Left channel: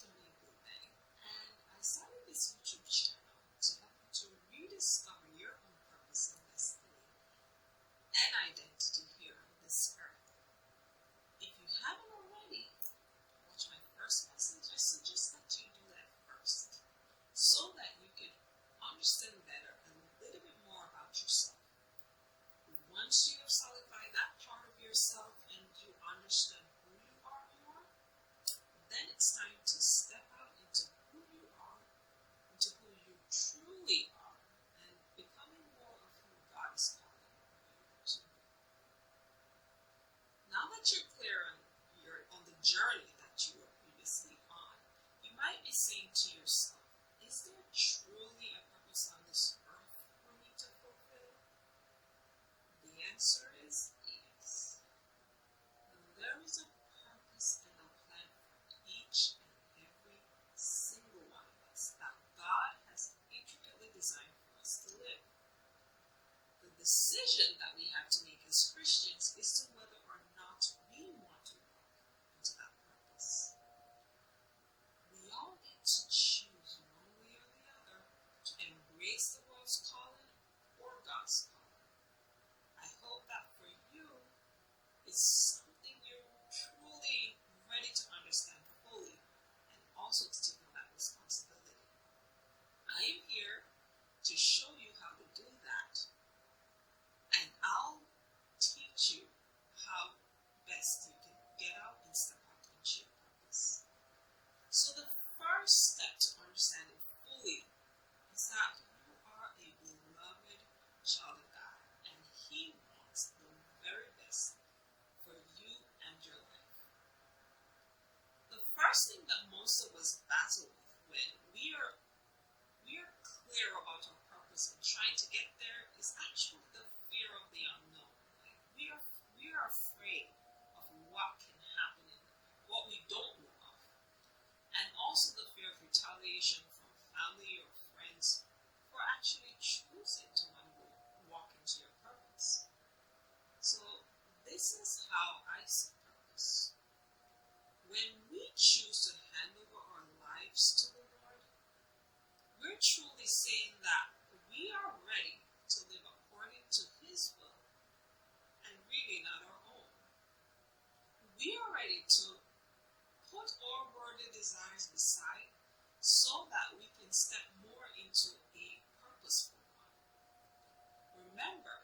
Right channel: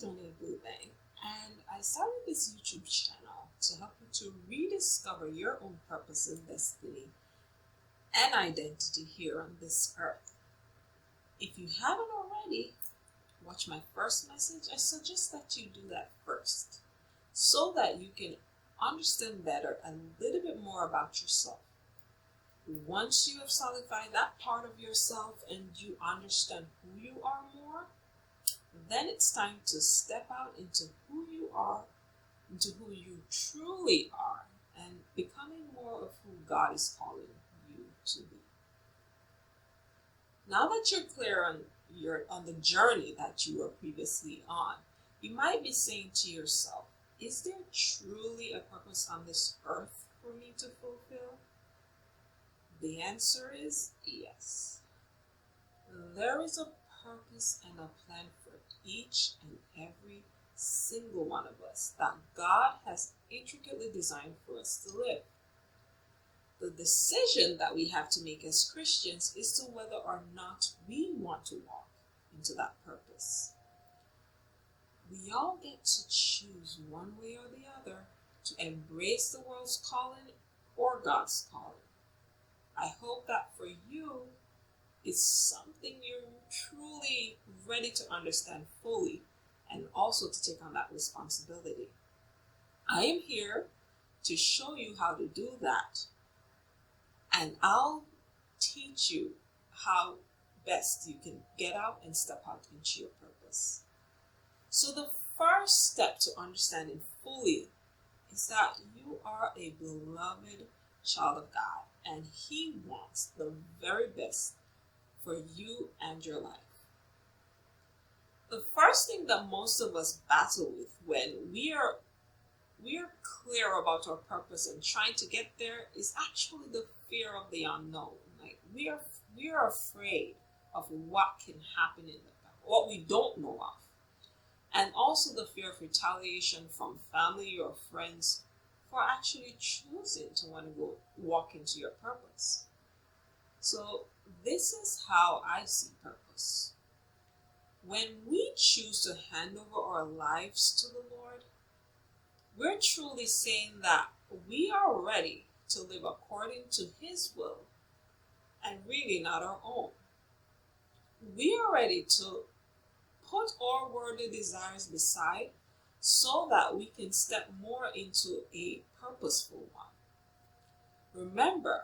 Donald Bluebang, and I started this YouTube channel to help you to rediscover your own purpose and destiny and identity here on this earth. If you haven't already, watch my first message. I suggest that you do that first so that you can understand better a little bit more about yourself. Once you have solidified that part of yourself and you understand who you are more, then it's time to step out into who you are, into who you truly are, and becoming more of who God is calling you to be. Now that you're clear on the journey that you were previously on, you might be saying to yourself, is there truly a purpose on this earth for me to fulfill? The answer is yes. There is a purpose and a plan for each and every single one of us that God has intricately designed for us to live. The decision that we have to make as Christians is to whether or not we want to walk into that purpose. We all get to choose one way or the other to embrace the world's calling or God's calling. I hope that for you, it's something you're truly ready to understand fully and also to take on that responsibility. I am here to show you how to do that, and I'll teach you how best you can get out and step out into your purpose. So the first step to understanding fully is that you are a beloved child of God, and He wants the very best for you and your life. The first thing that most of us battle with when we are clear about our purpose and trying to get there is actually the fear of the unknown. Like we are afraid of what can happen what we don't know of. And also the fear of retaliation from family or friends for actually choosing to want to walk into your purpose. So this is how I see purpose. When we choose to hand over our lives to the Lord, we're truly saying that we are ready to live according to His will and really not our own. We are ready to put our worldly desires beside so that we can step more into a purposeful one. Remember,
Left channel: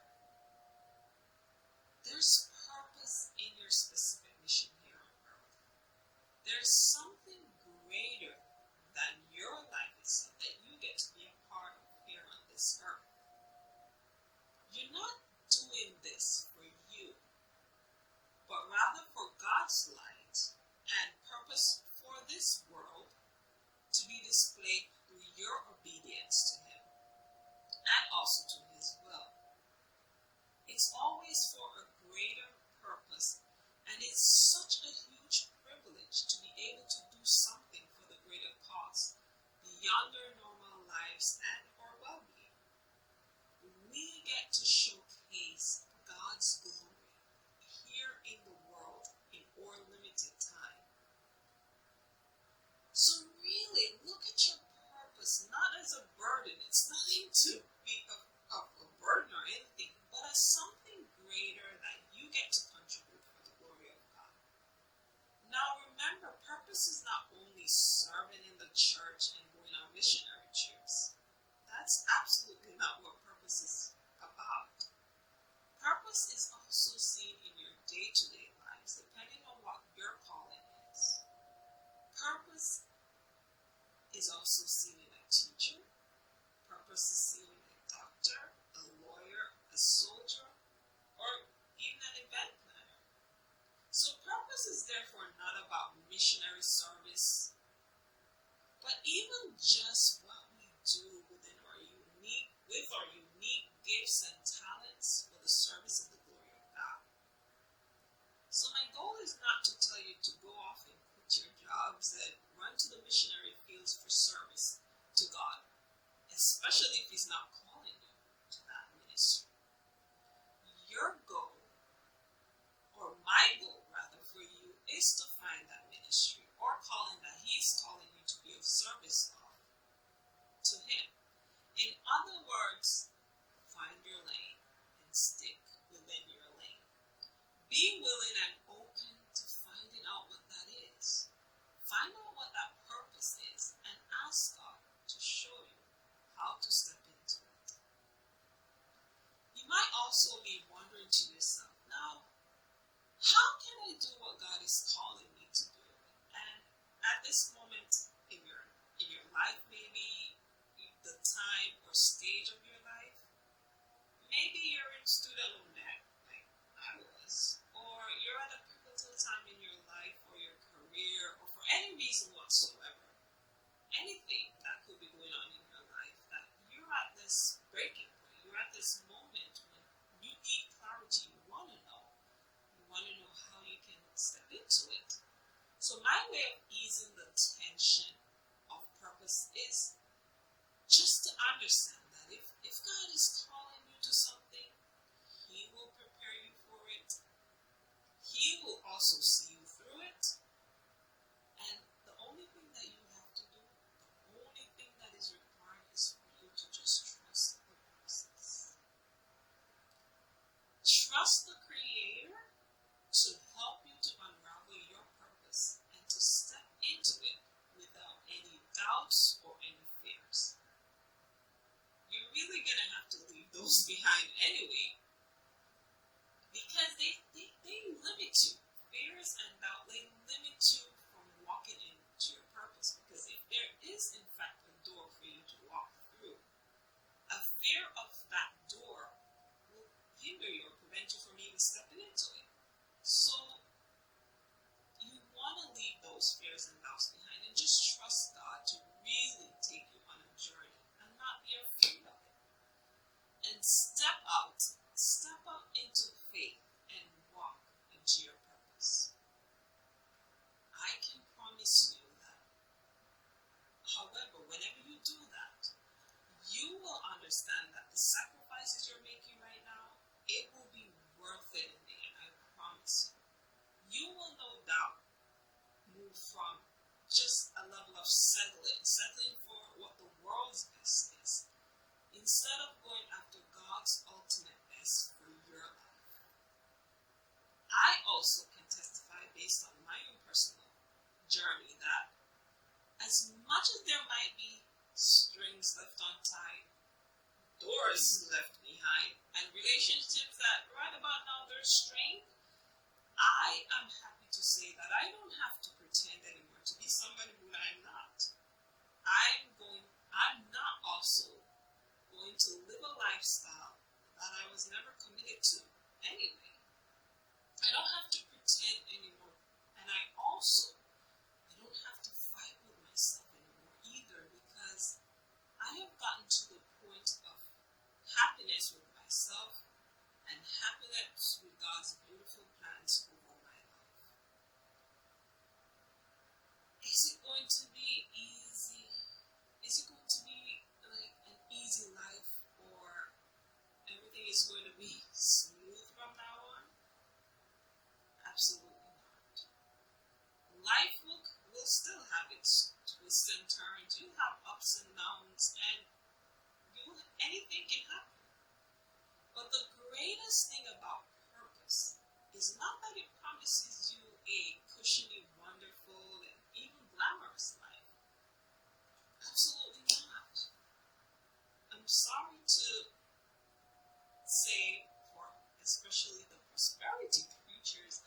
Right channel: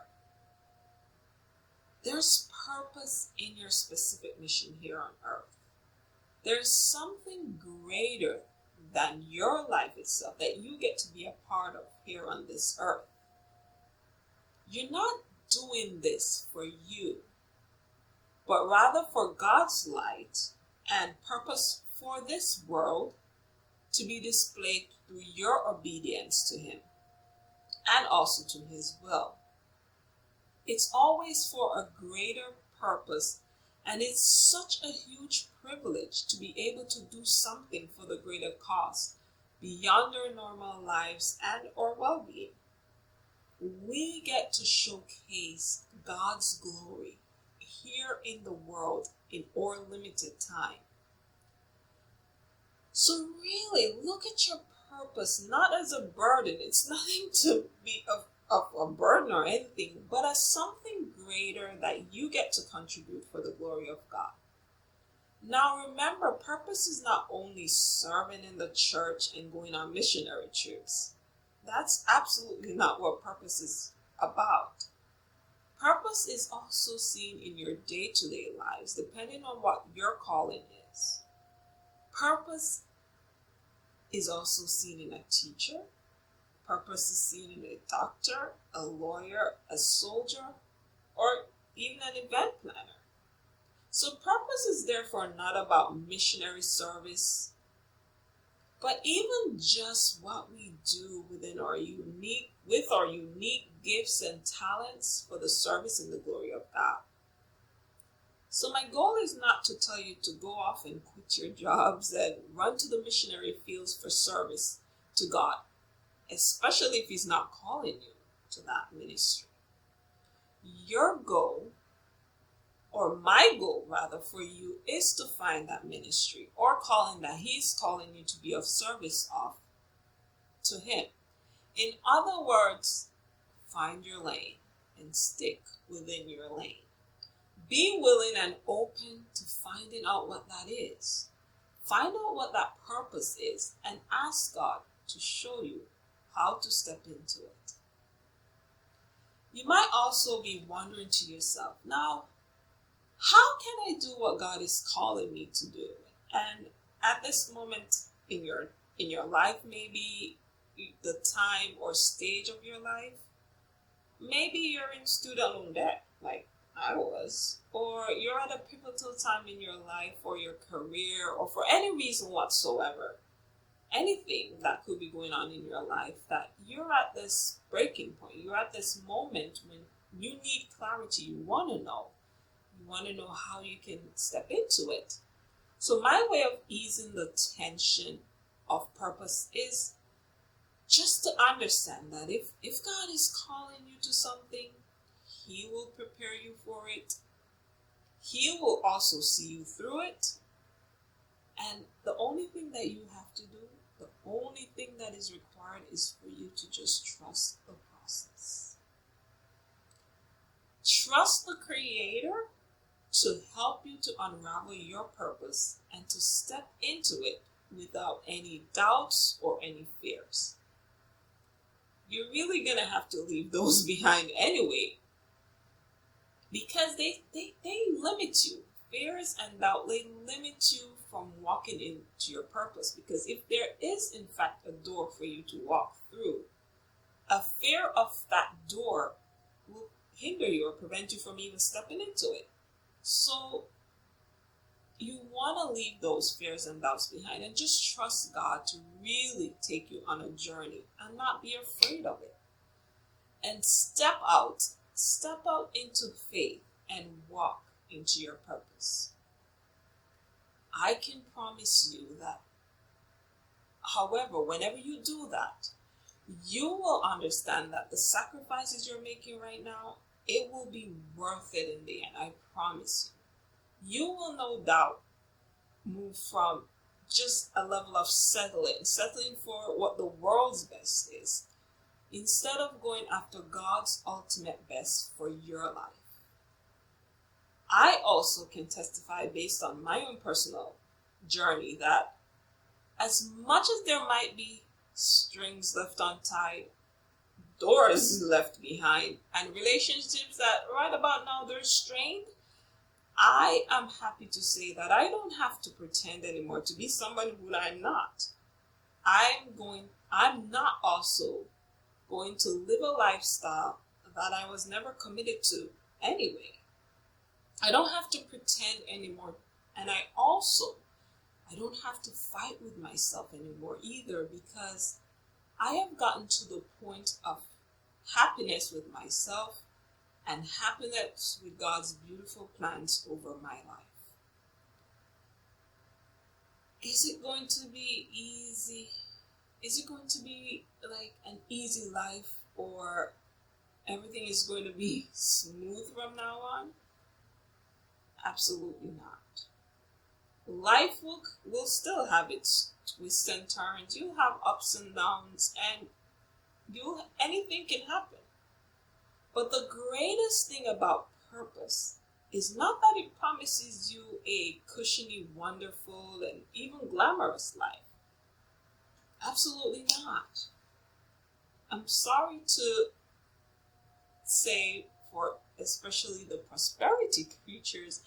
there's purpose in your specific mission here on earth. There's something greater than your life itself that you get to be a part of here on this earth. You're not doing this for you, but rather for God's light and purpose for this world to be displayed through your obedience to Him and also to His will. It's always for a greater purpose, and it's such a huge privilege to be able to do something for the greater cause beyond our normal lives and our well-being. We get to showcase God's glory here in the world in our limited time. So really, look at your purpose not as a burden. It's nothing to be of a burden or anything, but as something greater that you get to contribute for the glory of God. Now remember, purpose is not only serving in the church and going on missionary trips. That's absolutely not what purpose is about. Purpose is also seen in your day-to-day lives, depending on what your calling is. Purpose is also seen in a teacher. Purpose is seen in a doctor, a lawyer, a soldier, or even an event planner. So purpose is therefore not about missionary service, but even just what we do with our unique gifts and talents for the service and the glory of God. So my goal is not to tell you to go off and quit your jobs and run to the missionary fields for service to God, especially if He's not calling you to that ministry. Your goal, or my goal rather for you is to find that ministry or calling that he's calling you to be of service of to him. In other words, find your lane and stick within your lane. Be willing and open to finding out what that is. Find out what that purpose is and ask God to show you how to step into it. You might also be wondering to yourself, now, how can I do what God is calling me to do? And at this moment in your life, maybe the time or stage of your life, maybe you're in student loan debt, like I was, or you're at a pivotal time in your life or your career or for any reason whatsoever, anything that could be going on in your life, that you're at this breaking point, you're at this moment when you need clarity, you want to know how you can step into it. So my way of easing the tension of purpose is just to understand that if God is calling you to something, he will prepare you for it. He will also see you through it. And the only thing that you have to do, the only thing that is required is for you to just trust the process. Trust the Creator to help you to unravel your purpose and to step into it without any doubts or any fears. You're really going to have to leave those behind anyway, because they limit you. Fears and doubt, they limit you from walking into your purpose, because if there is in fact a door for you to walk through, a fear of that door will hinder you or prevent you from even stepping into it. So you want to leave those fears and doubts behind and just trust God to really take you on a journey and not be afraid of it. And step out into faith and walk into your purpose. I can promise you that, however, whenever you do that, you will understand that the sacrifices you're making right now, it will be worth it in the end. I promise you. You will no doubt move from just a level of settling for what the world's best is, instead of going after God's ultimate best for your life. I also can testify based on my own personal journey that as much as there might be strings left untied, doors left behind, and relationships that right about now they're strained, I am happy to say that I don't have to pretend anymore to be somebody who I'm not. I'm not also going to live a lifestyle that I was never committed to anyway. I don't have to pretend anymore. And I don't have to fight with myself anymore either, because I have gotten to the point of happiness with myself and happiness with God's beautiful plans over my life. Is it going to be easy? Is it going to be like an easy life, or everything is going to be smooth from now on? Absolutely not. Life will still have its twists and turns. You'll have ups and downs, and anything can happen. But the greatest thing about purpose is not that it promises you a cushiony, wonderful, and even glamorous life. Absolutely not. I'm sorry to say, for especially the prosperity preachers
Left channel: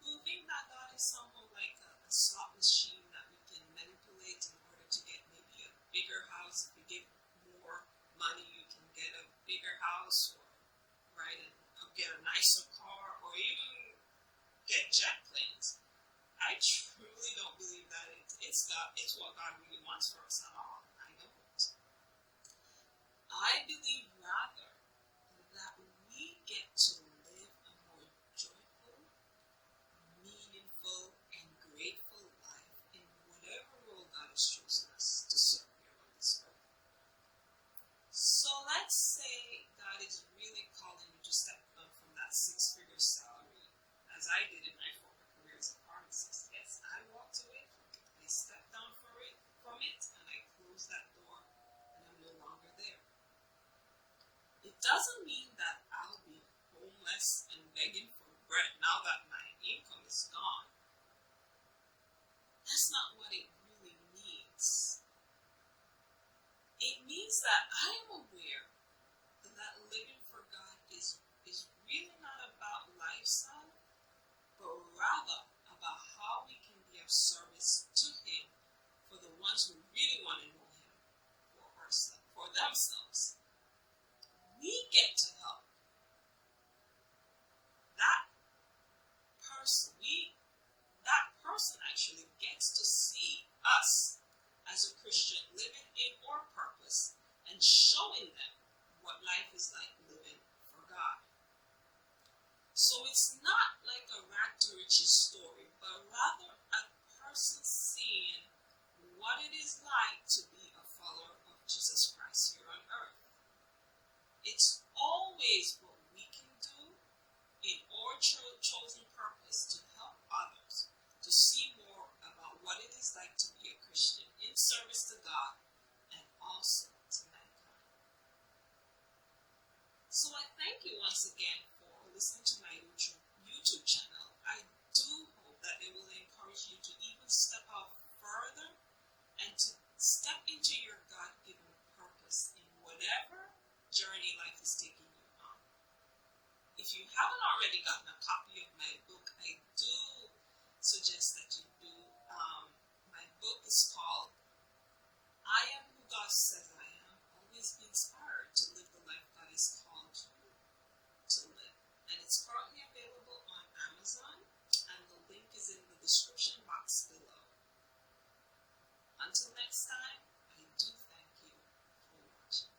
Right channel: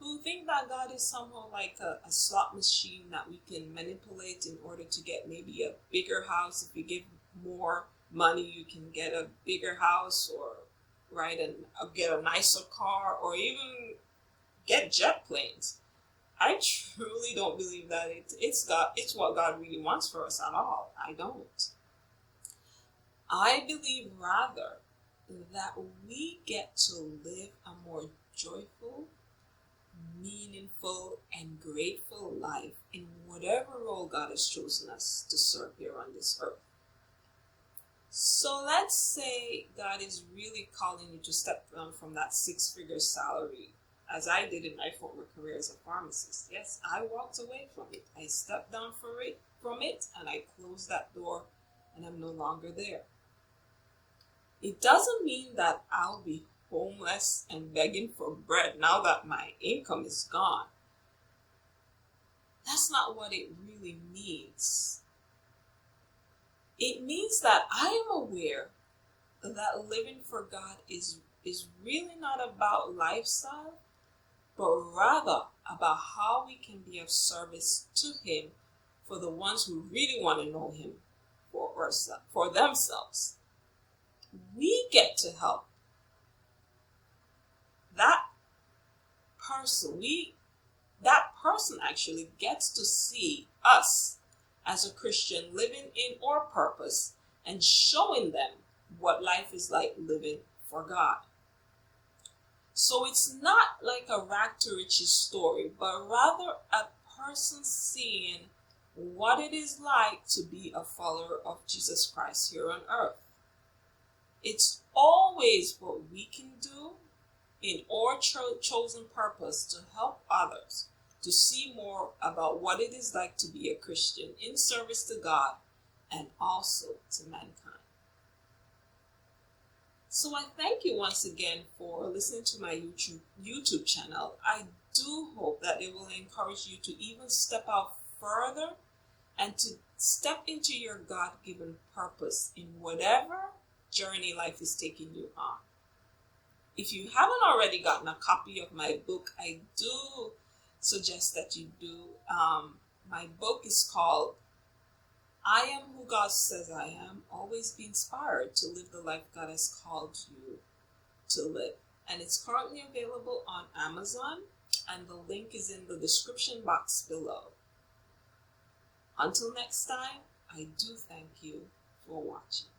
who think that God is somehow like a slot machine that we can manipulate in order to get maybe a bigger house. If you give more money, you can get a bigger house, or and get a nicer car, or even get jet planes. I truly don't believe that it's what God really wants for us at all. I don't. I believe rather that we get to live a more joyful, meaningful, and grateful life in whatever role God has chosen us to serve here on this earth. So let's say God is really calling you to step down from that 6-figure salary as I did in my former career as a pharmacist. Yes, I walked away from it. I stepped down from it, and I closed that door, and I'm no longer there. It doesn't mean that I'll be homeless and begging for bread now that my income is gone. That's not what it really means. It means that I am aware that living for God is really not about lifestyle, but rather about how we can be of service to Him for the ones who really want to know Him for themselves. We get to help that person. That person actually gets to see us as a Christian living in our purpose and showing them what life is like living for God. So it's not like a rag to riches story, but rather a person seeing what it is like to be a follower of Jesus Christ here on earth. It's always what we can do in our chosen purpose to help others to see more about what it is like to be a Christian in service to God and also to mankind. So I thank you once again for listening to my YouTube channel. I do hope that it will encourage you to even step out further and to step into your God-given purpose in whatever journey life is taking you on. If you haven't already gotten a copy of my book, I do suggest that you do. My book is called I Am Who God Says I Am. Always be inspired to live the life God has called you to live. And it's currently available on Amazon, and the link is in the description box below. Until next time, I do thank you for watching.